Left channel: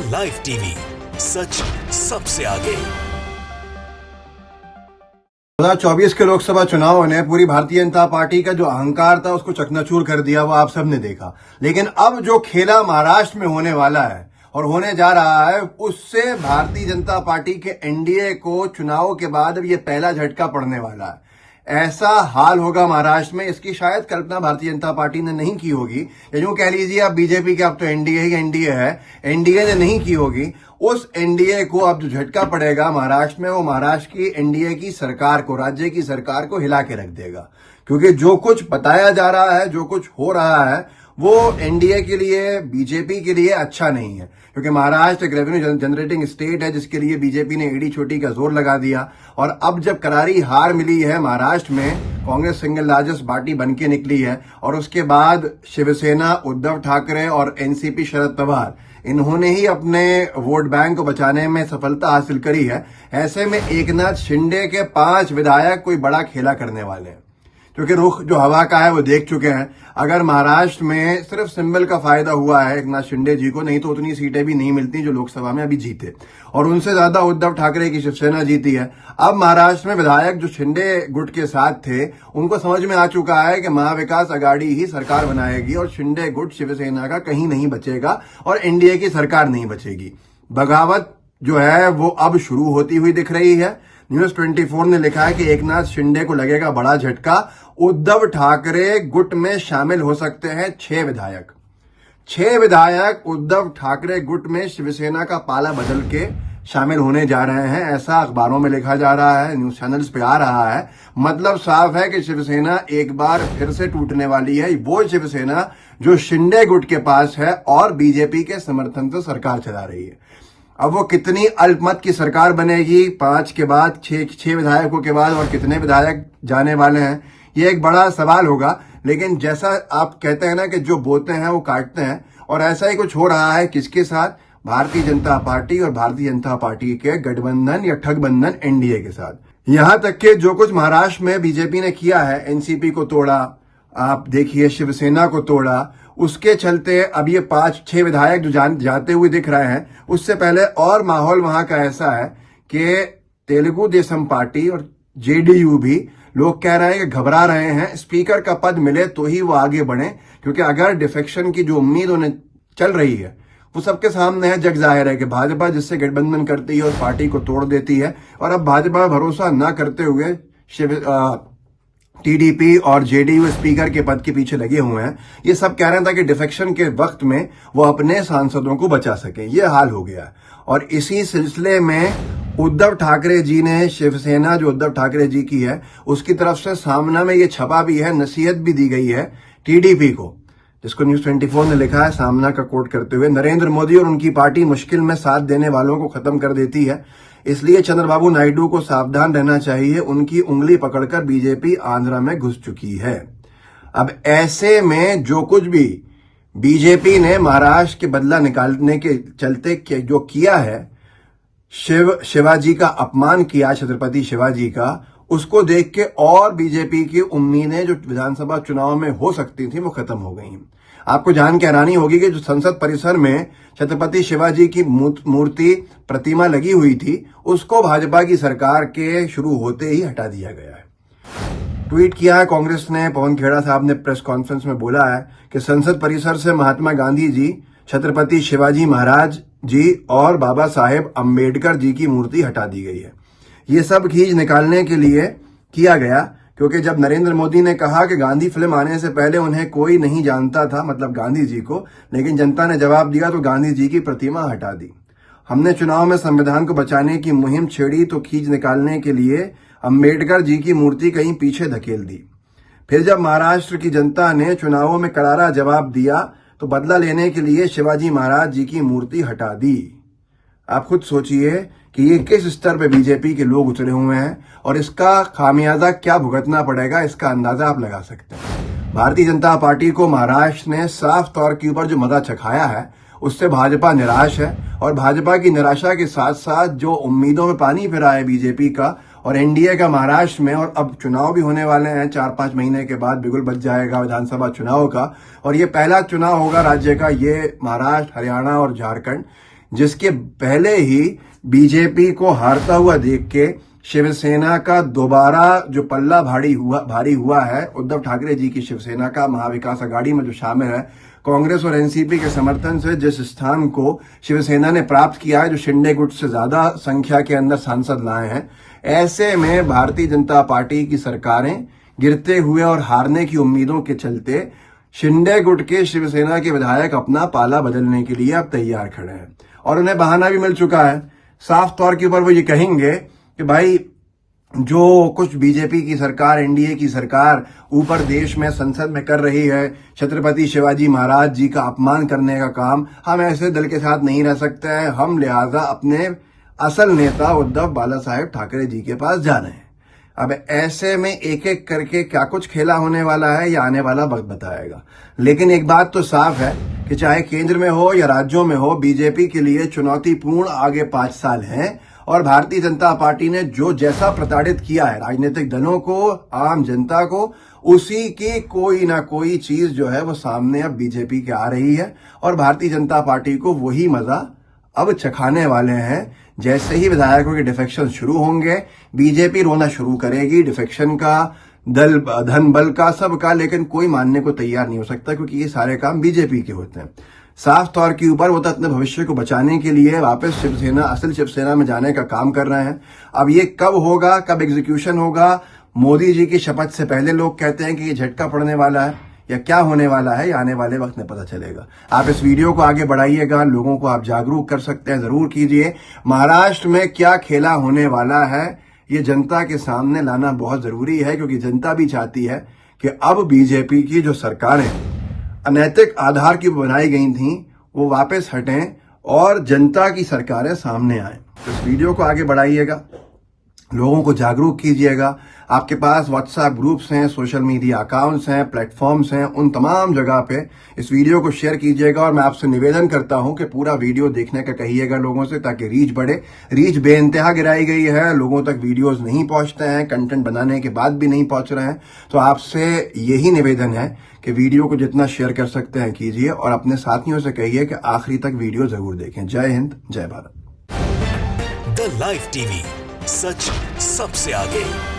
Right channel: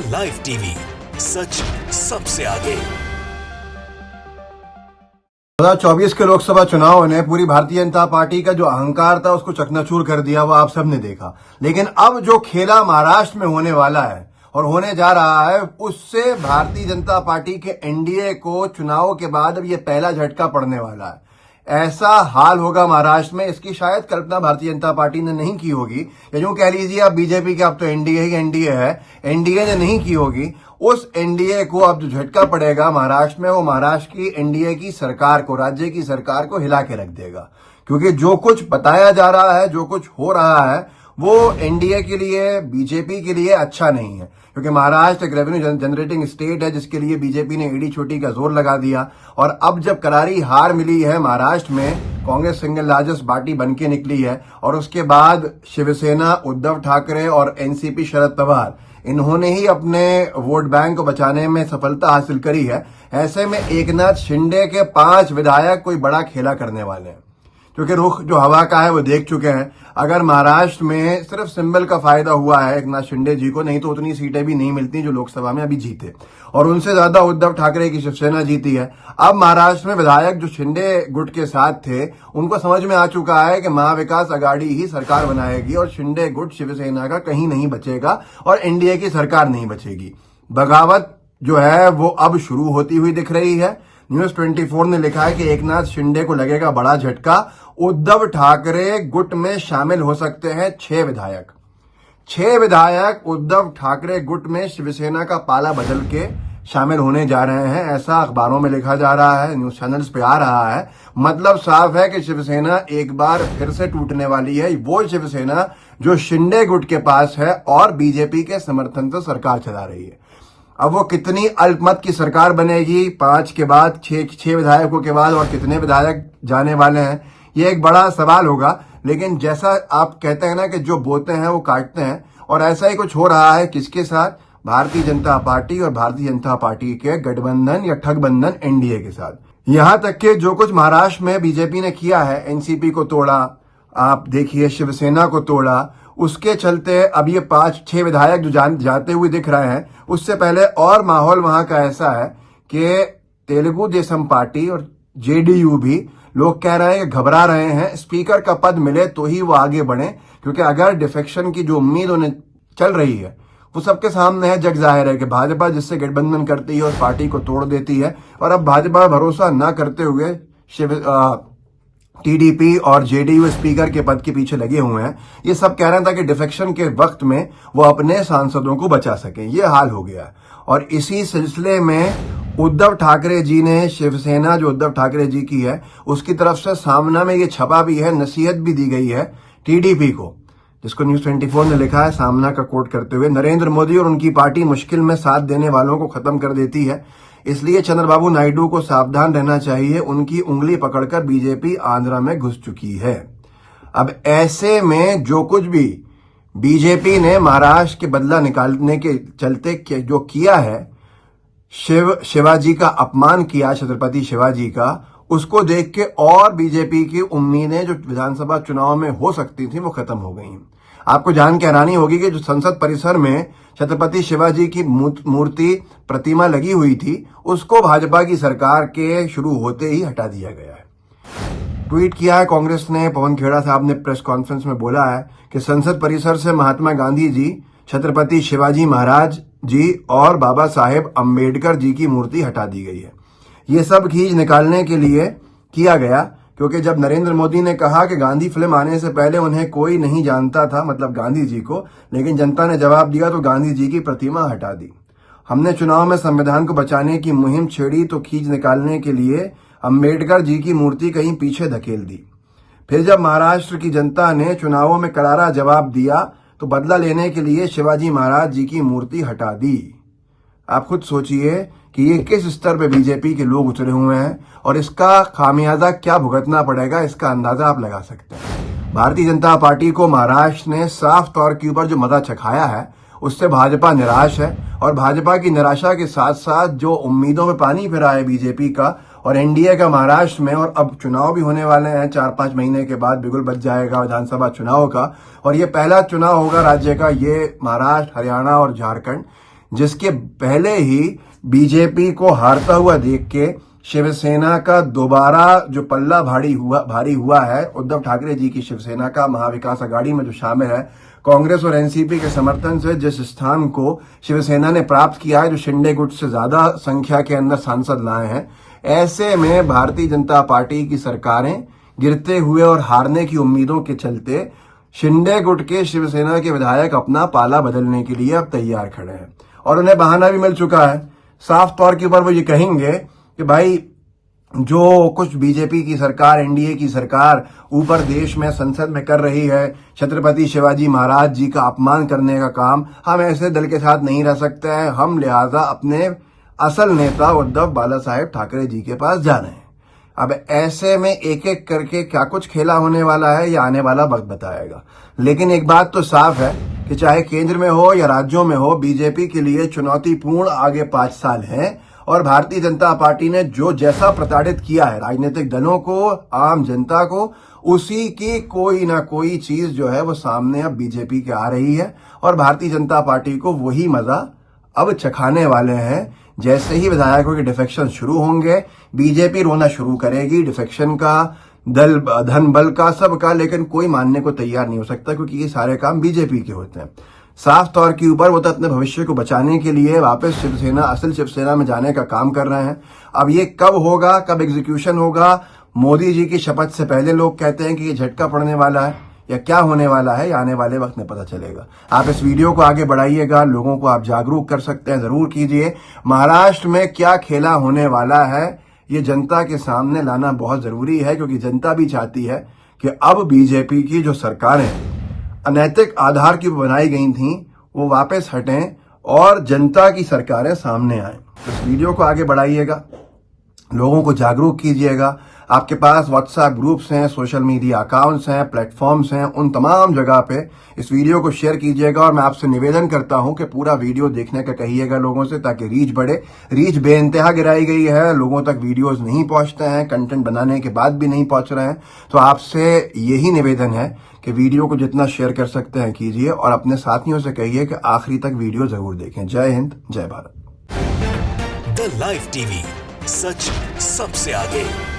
Live TV, सच सबसे आगे। 2024 के लोकसभा चुनाव ने पूरी भारतीय जनता पार्टी का जो अहंकार था उसको चकनाचूर कर दिया, वो आप सबने देखा। लेकिन अब जो खेला महाराष्ट्र में होने वाला है और होने जा रहा है, उससे भारतीय जनता पार्टी के एनडीए को चुनाव के बाद अब ये पहला झटका पड़ने वाला है। ऐसा हाल होगा महाराष्ट्र में, इसकी शायद कल्पना भारतीय जनता पार्टी ने नहीं की होगी, या यूं कह लीजिए आप बीजेपी के, अब तो एनडीए ही एनडीए है, एनडीए ने नहीं की होगी। उस एनडीए को अब जो झटका पड़ेगा महाराष्ट्र में, वो महाराष्ट्र की एनडीए की सरकार को, राज्य की सरकार को हिला के रख देगा। क्योंकि जो कुछ बताया जा रहा है, जो कुछ हो रहा है, वो एनडीए के लिए, बीजेपी के लिए अच्छा नहीं है। क्योंकि महाराष्ट्र एक रेवेन्यू जनरेटिंग स्टेट है, जिसके लिए बीजेपी ने एड़ी छोटी का जोर लगा दिया। और अब जब करारी हार मिली है महाराष्ट्र में, कांग्रेस सिंगल लार्जेस्ट पार्टी बनके निकली है, और उसके बाद शिवसेना, उद्धव ठाकरे और एनसीपी शरद पवार, इन्होंने ही अपने वोट बैंक को बचाने में सफलता हासिल करी है। ऐसे में एकनाथ शिंदे के 5 विधायक कोई बड़ा खेला करने वाले हैं, क्योंकि रुख जो हवा का है वो देख चुके हैं। अगर महाराष्ट्र में सिर्फ सिंबल का फायदा हुआ है एकनाथ शिंदे जी को, नहीं तो उतनी सीटें भी नहीं मिलती जो लोकसभा में अभी जीते, और उनसे ज्यादा उद्धव ठाकरे की शिवसेना जीती है। अब महाराष्ट्र में विधायक जो शिंदे गुट के साथ थे, उनको समझ में आ चुका है कि महाविकास आघाड़ी ही सरकार बनाएगी और शिंदे गुट, शिवसेना का कहीं नहीं बचेगा और एनडीए की सरकार नहीं बचेगी। बगावत जो है वो अब शुरू होती हुई दिख रही है। न्यूज 24 ने लिखा है कि एकनाथ शिंदे को लगेगा बड़ा झटका, उद्धव ठाकरे गुट में शामिल हो सकते हैं 6 विधायक। 6 विधायक उद्धव ठाकरे गुट में शिवसेना का पाला बदल के शामिल होने जा रहे हैं, ऐसा अखबारों में लिखा जा रहा है, न्यूज चैनल्स पे आ रहा है। मतलब साफ है कि शिवसेना एक बार फिर से टूटने वाली है, वो शिवसेना जो शिंदे गुट के पास है और बीजेपी के समर्थन से सरकार चला रही है। अब वो कितनी अल्पमत की सरकार बनेगी 5 के बाद, 6 विधायकों के बाद, और कितने विधायक जाने वाले हैं, ये एक बड़ा सवाल होगा। लेकिन जैसा आप कहते हैं ना कि जो बोते हैं वो काटते हैं, और ऐसा ही कुछ हो रहा है किसके साथ, भारतीय जनता पार्टी और भारतीय जनता पार्टी के गठबंधन या ठगबंधन एनडीए के साथ। यहां तक कि जो कुछ महाराष्ट्र में बीजेपी ने किया है, एनसीपी को तोड़ा, आप देखिए शिवसेना को तोड़ा, उसके चलते अब ये 5-6 विधायक जो जाते हुए दिख रहे हैं। उससे पहले और माहौल वहां का ऐसा है कि तेलुगु देशम पार्टी और जेडीयू भी, लोग कह रहे हैं कि घबरा रहे हैं, स्पीकर का पद मिले तो ही वो आगे बढ़े। क्योंकि अगर डिफेक्शन की जो उम्मीद उन्हें चल रही है, वो सबके सामने है, जग जाहिर है कि भाजपा जिससे गठबंधन करती है उस पार्टी को तोड़ देती है। और अब भाजपा भरोसा न करते हुए टीडीपी और जेडीयू स्पीकर के पद के पीछे लगे हुए हैं। ये सब कह रहे हैं ताकि डिफेक्शन के वक्त में वो अपने सांसदों को बचा सकें। ये हाल हो गया। और इसी सिलसिले में उद्धव ठाकरे जी ने, शिवसेना जो उद्धव ठाकरे जी की है, उसकी तरफ से सामना में ये छपा भी है, नसीहत भी दी गई है टीडीपी को, जिसको न्यूज 24 ने लिखा है सामना का कोट करते हुए, नरेंद्र मोदी और उनकी पार्टी मुश्किल में साथ देने वालों को खत्म कर देती है, इसलिए चंद्रबाबू नायडू को सावधान रहना चाहिए, उनकी उंगली पकड़कर बीजेपी आंध्रा में घुस चुकी है। अब ऐसे में जो कुछ भी बीजेपी ने महाराष्ट्र के बदला निकालने के चलते जो किया है, शिवाजी का अपमान किया, छत्रपति शिवाजी का, उसको देख के और बीजेपी की उम्मीदें जो विधानसभा चुनाव में हो सकती थी वो खत्म हो गई। आपको जान के हैरानी होगी कि जो संसद परिसर में छत्रपति शिवाजी की मूर्ति, प्रतिमा लगी हुई थी, उसको भाजपा की सरकार के शुरू होते ही हटा दिया गया है। ट्वीट किया है कांग्रेस ने, पवन खेड़ा साहब ने प्रेस कॉन्फ्रेंस में बोला है कि संसद परिसर से महात्मा गांधी जी, छत्रपति शिवाजी महाराज जी और बाबा साहेब अम्बेडकर जी की मूर्ति हटा दी गई है। ये सब खींच निकालने के लिए किया गया, क्योंकि जब नरेंद्र मोदी ने कहा कि गांधी फिल्म आने से पहले उन्हें कोई नहीं जानता था, मतलब गांधी जी को, लेकिन जनता ने जवाब दिया तो गांधी जी की प्रतिमा हटा दी। हमने चुनाव में संविधान को बचाने की मुहिम छेड़ी तो खींच निकालने के लिए अम्बेडकर जी की मूर्ति कहीं पीछे धकेल दी। फिर जब महाराष्ट्र की जनता ने चुनावों में करारा जवाब दिया तो बदला लेने के लिए शिवाजी महाराज जी की मूर्ति हटा दी। आप खुद सोचिए कि ये किस स्तर पे बीजेपी के लोग उतरे हुए हैं, और इसका खामियाजा क्या भुगतना पड़ेगा, इसका अंदाजा आप लगा सकते हैं। भारतीय जनता पार्टी को महाराष्ट्र ने साफ तौर के ऊपर जो मजा चखाया है, उससे भाजपा निराश है। और भाजपा की निराशा के साथ साथ जो उम्मीदों में पानी फिरा है बीजेपी का और एनडीए का महाराष्ट्र में, और अब चुनाव भी होने वाले हैं 4-5 महीने के बाद, बिगुल बच जाएगा विधानसभा चुनाव का, और ये पहला चुनाव होगा राज्य का, ये महाराष्ट्र, हरियाणा और झारखंड, जिसके पहले ही बीजेपी को हारता हुआ देख के शिवसेना का दोबारा जो पल्ला भारी हुआ है, उद्धव ठाकरे जी की शिवसेना का महाविकास अघाड़ी में जो शामिल है, कांग्रेस और एनसीपी के समर्थन से जिस स्थान को शिवसेना ने प्राप्त किया है, जो शिंदे गुट से ज्यादा संख्या के अंदर सांसद लाए हैं, ऐसे में भारतीय जनता पार्टी की सरकारें गिरते हुए और हारने की उम्मीदों के चलते शिंदे गुट के शिवसेना के विधायक अपना पाला बदलने के लिए अब तैयार खड़े हैं और उन्हें बहाना भी मिल चुका है। साफ तौर के ऊपर वो ये कहेंगे कि भाई जो कुछ बीजेपी की सरकार, एनडीए की सरकार ऊपर देश में संसद में कर रही है, छत्रपति शिवाजी महाराज जी का अपमान करने का काम, हम ऐसे दल के साथ नहीं रह सकते हैं। हम लिहाजा अपने असल नेता उद्धव बाला साहेब ठाकरे जी के पास जा रहे हैं। अब ऐसे में एक एक करके क्या कुछ खेला होने वाला है, या आने वाला वक्त बताएगा। लेकिन एक बात तो साफ है कि चाहे केंद्र में हो या राज्यों में हो, बीजेपी के लिए चुनौतीपूर्ण आगे 5 साल हैं और भारतीय जनता पार्टी ने जो जैसा प्रताड़ित किया है राजनीतिक दलों को, आम जनता को, उसी की कोई ना कोई चीज जो है वो सामने अब बीजेपी के आ रही है और भारतीय जनता पार्टी को वही मजा अब चखाने वाले हैं। जैसे ही विधायकों के डिफेक्शन शुरू होंगे, बीजेपी रोना शुरू करेगी, डिफेक्शन का, दल धन बल का, सबका, लेकिन कोई मानने को तैयार नहीं हो सकता क्योंकि ये सारे काम बीजेपी के होते हैं। साफ तौर के ऊपर वो तो अपने भविष्य को बचाने के लिए वापस शिवसेना, असल शिवसेना में जाने का काम कर रहे हैं। अब ये कब होगा, कब एग्जीक्यूशन होगा, मोदी जी की शपथ से पहले लोग कहते हैं कि ये झटका पड़ने वाला है या क्या होने वाला है, या आने वाले वक्त में पता चलेगा। आप इस वीडियो को आगे बढ़ाइएगा, लोगों को आप जागरूक कर सकते हैं, जरूर कीजिए। महाराष्ट्र में क्या खेला होने वाला है ये जनता के सामने लाना बहुत जरूरी है, क्योंकि जनता भी चाहती है कि अब बीजेपी की जो सरकारें अनैतिक आधार की बनाई गई थी वो वापस हटें और जनता की सरकारें सामने आए। तो इस वीडियो को आगे बढ़ाइएगा, लोगों को जागरूक कीजिएगा। आपके पास व्हाट्सएप ग्रुप्स हैं, सोशल मीडिया अकाउंट्स हैं, प्लेटफॉर्म्स हैं, उन तमाम जगह पे इस वीडियो को शेयर कीजिएगा। और मैं आपसे निवेदन करता हूं कि पूरा वीडियो देखने का कहिएगा लोगों से, ताकि रीच बढ़े। रीच बेइंतहा गिराई गई है, लोगों तक वीडियोस नहीं पहुंचते हैं, कंटेंट बनाने के बाद भी नहीं पहुंच रहे हैं। तो आपसे यही निवेदन है कि वीडियो को जितना शेयर कर सकते हैं कीजिए और अपने साथियों से कहिए कि आखिरी तक वीडियो जरूर देखें। जय हिंद, जय भारत। द लाइव टीवी, सच सबसे आगे।